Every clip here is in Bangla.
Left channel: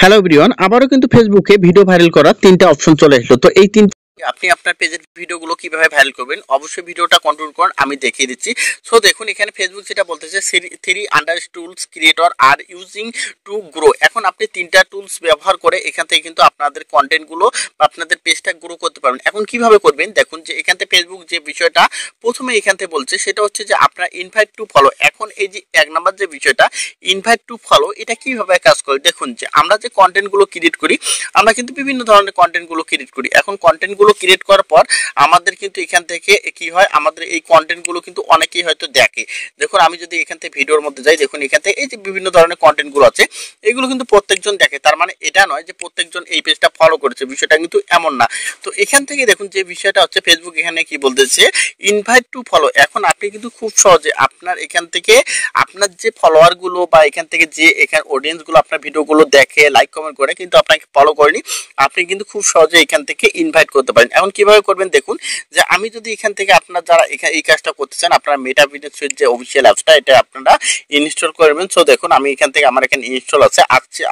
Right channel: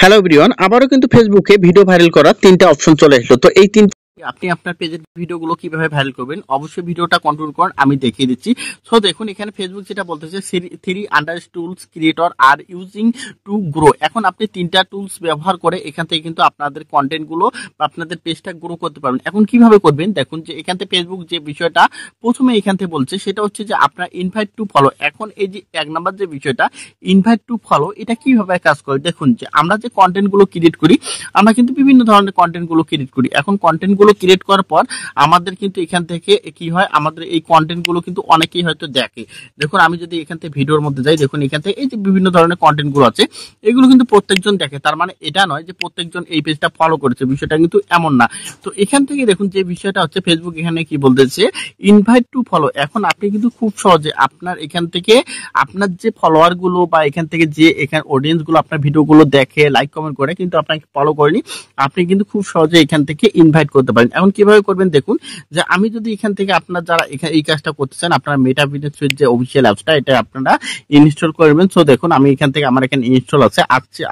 হ্যালো এভরিওয়ান, আবারও কিন্তু ফেসবুকে ভিডিও ভাইরাল করার তিনটা অপশন চলে আসলো। তো এই তিন আপনি আপনার পেজের ভিডিওগুলো কিভাবে ভাইরাল করবেন, অবশ্যই ভিডিওটা কন্ট্রোল করুন, আমি দেখিয়ে দিচ্ছি। সো দেখুন, এখানে ফেসবুক যেটা বলতেছে, three under tools creator are using to grow. এখন আপনি তিনটা টুলস ব্যবহার করে এখান থেকে কিন্তু আপনাদের কন্টেন্টগুলো বা আপনাদের পেজটা গ্রো করতে পারবেন। এখন কিভাবে করবেন দেখুন, যে এখান থেকে ফেসবুক যে বিষয়টা প্রথমে এখান থেকে বলছে সেটা হচ্ছে যে আপনার ইনভাইট টু ফলো। এখন এই যে এক নাম্বার যে বিষয়টা ইনভাইট টু ফলো, এটা কিভাবে কাজ করে দেখুন, যে আমরা যে কন্টেন্টগুলো ক্রিয়েট করি, আমরা কিন্তু বিভিন্ন ধরনের কন্টেন্টগুলো ক্রিয়েট করি। এখন কন্টেন্টগুলো ক্রিয়েট করার পর আমাদের কিন্তু এখান থেকে কি হয়, আমাদের এই কন্টেন্টগুলো কিন্তু অনেকেই হয়তো দেখে। দেখুন, আমি যদি এখান থেকে ভিডিওর মধ্যে যাই, দেখুন এখান থেকে এই যে বিভিন্ন ধরনের কন্টেন্টগুলো আছে, এগুলো কিন্তু প্রত্যেকজন দেখে। তার মানে এটা নয় যে প্রত্যেকজন এই পেজটা ফলো করেছে, বিষয়টা কিন্তু এমন না। তো এখান থেকে দেখুন যে বিষয়টা হচ্ছে, ফেসবুক এখানে কি বলতেছে, ইনভাইট টু ফলো। এখন আপনি কিন্তু খুব সহজে আপনার এখান থেকে আপনার যে ফলোয়ারগুলো বা এখান থেকে যে এখানে অডিয়েন্সগুলো আপনার ভিডিওগুলো দেখে, লাইক কমেন্ট করে কিন্তু আপনাকে ফলো করেনি, আপনি কিন্তু খুব সহজে এখান থেকে ইনভাইট করতে পারেন। এখন কিভাবে করবেন দেখুন, যে আমি যদি এখান থেকে আপনার যারা এখানে এই কাজটা করতে চান, আপনারা মেটা বিজনেস সুইট যে অফিসিয়াল অ্যাপসটা, এটা আপনারা ইনস্টল করবেন। সো দেখুন, আমি এখান থেকে আমার এখানে ইনস্টল আছে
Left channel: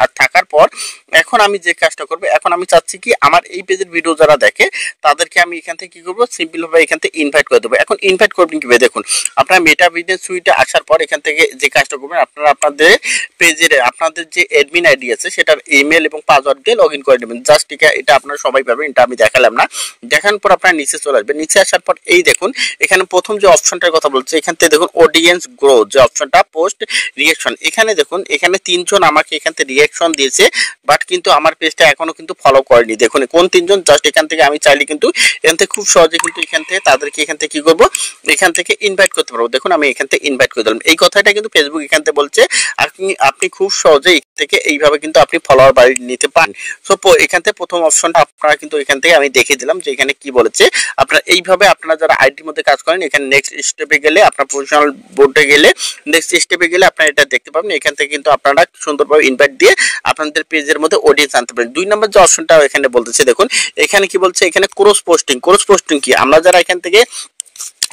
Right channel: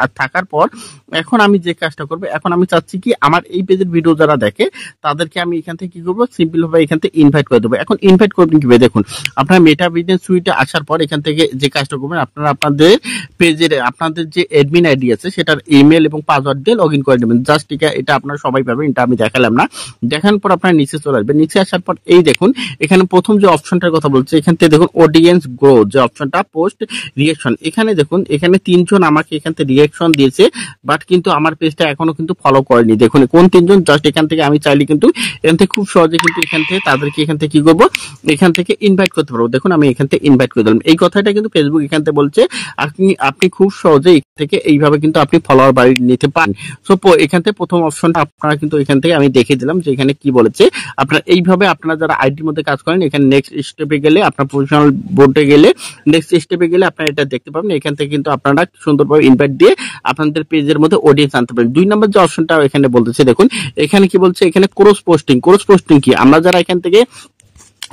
আর থাকার পর এখন আমি যে কাজটা করবো, এখন আমি চাচ্ছি কি আমার এই পেজের ভিডিও যারা দেখে তাদেরকে আমি এখান থেকে কি করবো, সিম্পল ভাবে এখান থেকে ইনভাইট করে দেবো। এখন ইনভাইট করবেন কিভাবে দেখুন, আপনার মেটা বিজনেস সুইটে আসার পর এখান থেকে যে কাজটা করবেন, আপনারা আপনাদের পেজের আপনাদের যে অ্যাডমিন আইডি আছে সেটার ইমেল এবং পাসওয়ার্ড দিয়ে লগ ইন করে নেবেন। জাস্ট এটা আপনারা সবাই পাবেন, এটা আমি দেখালাম না। দেখানোর পর আপনারা নিচে চলে আসবেন। নিচে আসার পর এই দেখুন, এখানে প্রথম যে অপশনটার কথা বলছে, এখান থেকে দেখুন অডিয়েন্স গ্রো যে অপশনটা, পোস্ট রিয়াকশন। এখানে দেখুন, এখানে তিনজন আমাকে এখান থেকে রিয়াকশন দিয়েছে, বাট কিন্তু আমার পেজটা এখনো কিন্তু ফলো করেনি। দেখুন কোন তিনজন, জাস্ট এখান থেকে আমি চাইলে কিন্তু এখান থেকে খুব সহজে কিন্তু এখান থেকে তাদেরকে এখান থেকে কি করবো, এখান থেকে ইনভাইট করতে পারবো। দেখুন আমি এখান থেকে ইনভাইট করে দিলাম। এই কথাটা কিন্তু ফেসবুক এখান থেকে বলছে, আপনি খুব সহজে এখান থেকে এইভাবে কিন্তু আপনি ফলোয়ার বাড়িয়ে নিতে পারেন। সো এখান থেকে প্রথম অপশনটা আপনারা কিন্তু এখান থেকে আমি দেখিয়ে দিলাম, যে এখানে কি বলেছে, আপনারা এইভাবে আপনারা যারা আইডির মধ্যে কাজ করেন, এখানে নেক্সট স্টেপে গেলে, আপনার প্রফেশনাল বোর্ডে গেলে, নেক্সট স্টেপে গেলে আপনারা এটা দেখতে পাবেন। এখান থেকে কিন্তু আপনারা সুন্দরভাবে ইনভাইট দিয়ে আপনাদের পেজের মধ্যে অডিয়েন্স আনতে পারেন। 2 নম্বর যে অপশনটা এখানে বলতেছে, দেখুন এখানে কি বলছে, এখানে ক্রস পোস্টিং। ক্রস পোস্টিং কি, আমরা যারা এখান থেকে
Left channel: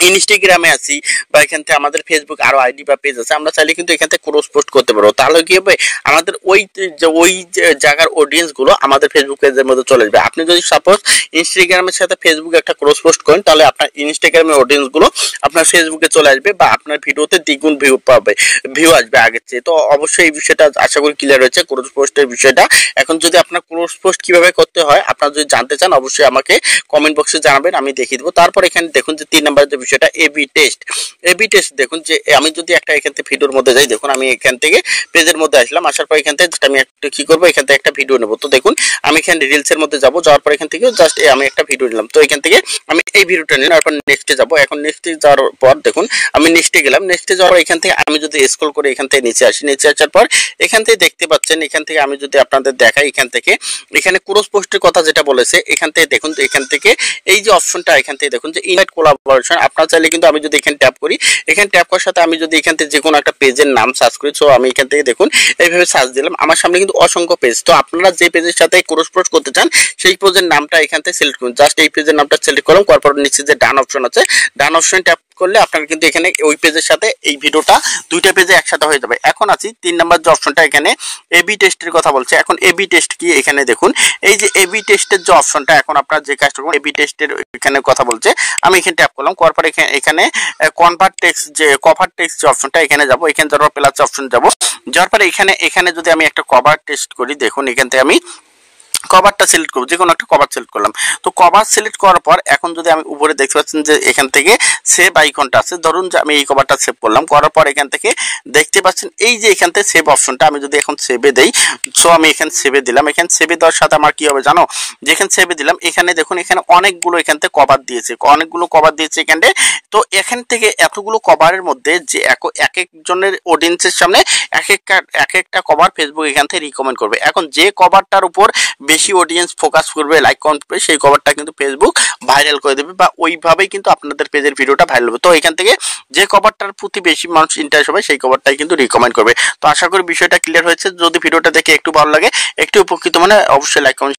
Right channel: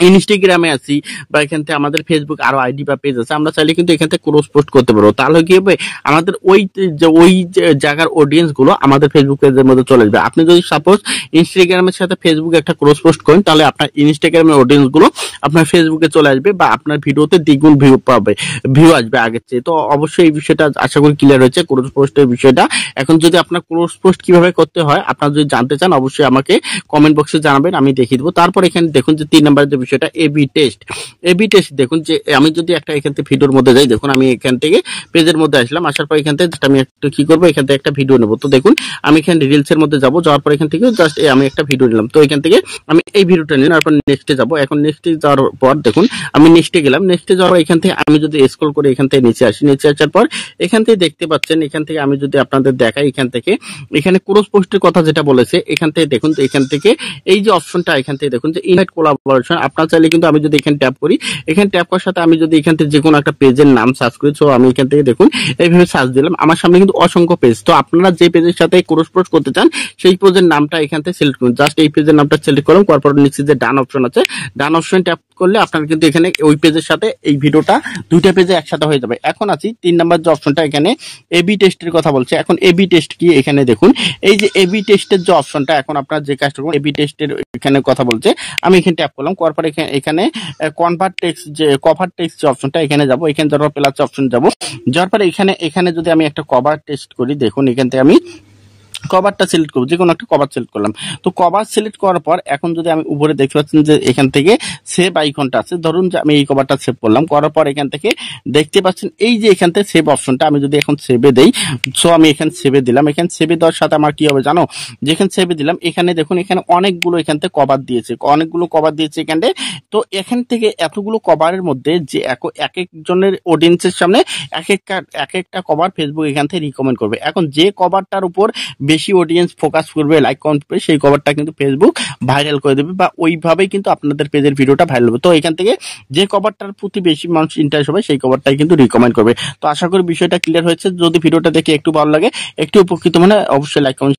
ইনস্টাগ্রামে আছি বা এখান থেকে আমাদের ফেসবুক আরো আইডি বা পেজ আছে, আমরা চাইলে কিন্তু এখান থেকে ক্রস পোস্ট করতে পারবো। তাহলে কি হবে, আমাদের ওই জায়গার অডিয়েন্স গুলো আমাদের ফেসবুক পেজের মধ্যে চলে আসবে। আপনি যদি সাপোজ ইনস্টাগ্রামের সাথে ফেসবুক একটা ক্রস পোস্ট করেন, তাহলে আপনার ইনস্টাগ্রামের অডিয়েন্স গুলো আপনার ফেসবুকে চলে আসবে বা আপনার ভিডিওতে দ্বিগুণ ভিউ আসবে আগের চেয়ে। তো অবশ্যই এই বিষয়টা আশা করি ক্লিয়ার হয়েছে, ক্রস পোস্টের বিষয়টা। এখন যদি আপনার ক্রস পোস্ট কিভাবে করতে হয় আপনারা যদি জানতে চান, অবশ্যই আমাকে কমেন্ট বক্সে জানাবেন, আমি দেখিয়ে দেবো। তারপর এখানে দেখুন যে 3 নম্বরের যে বিষয়টা এবি টেস্ট। এবি টেস্ট দেখুন, যে আমি যদি একটা এখান থেকে ভিডিওর মধ্যে যাই, দেখুন আমি এখান থেকে পেজের মধ্যে আসলাম, আসার পর এখান থেকে আমি একটা কি করবো, এখান থেকে একটা ভিডিও নেবো। তো দেখুন আমি এখানে রিলসের মধ্যে যাবো, যাওয়ার পর এখান থেকে জাস্ট আমি একটা ভিডিও নিলাম। তো এখান থেকে আমি এই ভিডিওটা নিলাম, তারপর নেক্সটে যাবো। এখন নেক্সটে যাওয়ার পর দেখুন আমি নেক্সটে গেলাম। নেক্সটে যাওয়ার পর এখান থেকে আমি যদি স্ক্রল করে এখান থেকে নিচে আসি, নিচে আসার পর এখান থেকে দেখতে পাচ্ছেন, এখান থেকে আমি যদি আপনাদের দেখাই, এখান থেকে এখানে ক্রস পোস্টের কথা যেটা বলেছে, এখান থেকে দেখুন, তো এখান থেকে এই যে অপশনটা এখান থেকে দেখুন যে ইনভাইট কোলাবোরেশন, আপনার চাইলে কিন্তু আমি যদি এখানে ট্যাপ করি, এখানে ট্যাপ করার সাথে আমি যদি এখান থেকে যে কোনো একটা পেজের নাম সার্চ করি, সো আমি এখান থেকে দেখুন এইভাবে সার্চ দিলাম, আমার সামনে কিন্তু অসংখ্য পেজ। তো আপনারা যে পেজের সাথে ক্রস পোস্ট করতে চান সেই পেজের নামটা এখান থেকে সিলেক্ট করুন। জাস্ট এই পেজের নামটা সিলেক্ট করলাম, তারপর নিচে যে ডান অপশন আছে, ডান অপশন ট্যাপ করলে আপনারা কিন্তু এখানে ওই পেজের সাথে এই ভিডিওটা দুইটা পেজে একসাথে হয়ে যাবে। এখন আছি 3 নম্বর যে অপশনটা, এখানে এবি টেস্টের কথা বলছে। এখন এবি টেস্ট কি, এখানে দেখুন এই যে এবি টেস্টের যে অপশনটা, এখন আপনারা যে কাজটা করবেন, এবি টেস্টের এখানে কথা বলছে, আমি এখানে ট্যাপ করলাম, করার পর এখানে কনভার্ট টেক্সট যে কভার টেক্সট যে অপশনটা, এখানে যাব, এখানে যাওয়ার পর প্লাস অপশন যাব, যাওয়ার পরে এখানে যদি আমি একটা কভার টেস্ট করি, দেখুন এখান থেকে আমি কভারটা সিলেক্ট করবো, যে কোনো একটা কভার সিলেক্ট করলাম। তো কভার সিলেক্ট করার পর এখন যদি আমি উপরে দেখতে পাচ্ছেন যে এখান থেকে সেভ আইকনটা আছে, ধরুন যে আমি এই কভারটা সেভ করলাম, করার পর এখান থেকে দেখতে পাচ্ছেন এই যে এখান থেকে সেভ অপশনটা, আমি যদি এখন সেভে দেই, সো আমি এখানে সেভে দিলাম। এখানে সেভে দেওয়ার সাথে আমার কি হবে জানো, যেখানে সেভে দিলাম, এখানে দেখুন এখানে অনেকগুলো এখান থেকে কভার দিয়েছে, অনেকগুলো কভার দিয়েছে এখানে। তো এখান থেকে এতগুলো কভারের মধ্যে যে এক একজনের অডিয়েন্সের সামনে এক একটা কভার ফেসবুক এখান থেকে রিকমেন্ড করবে। এখন যে কভারটার উপর বেশি অডিয়েন্স ফোকাস করবে, লাইক কমেন্ট করবে, সেই কভারটা কিন্তু ফেসবুক ভাইরাল করে দেবে, বা ওইভাবেই কিন্তু আপনাদের পেজের ভিডিওটা ভাইরাল হবে। তো এখান থেকে যে কভারটার প্রতি বেশি মানুষ ইন্টারেস্ট হবে সেই কভারটাই কিন্তু রিকমেন্ড করবে। তো আশা করি বিষয়টা ক্লিয়ার হয়েছে। যদি ভিডিওটা দেখে একটু ভালো লাগে, একটু উপকৃত মানে অবশ্যই লাইক কমেন্ট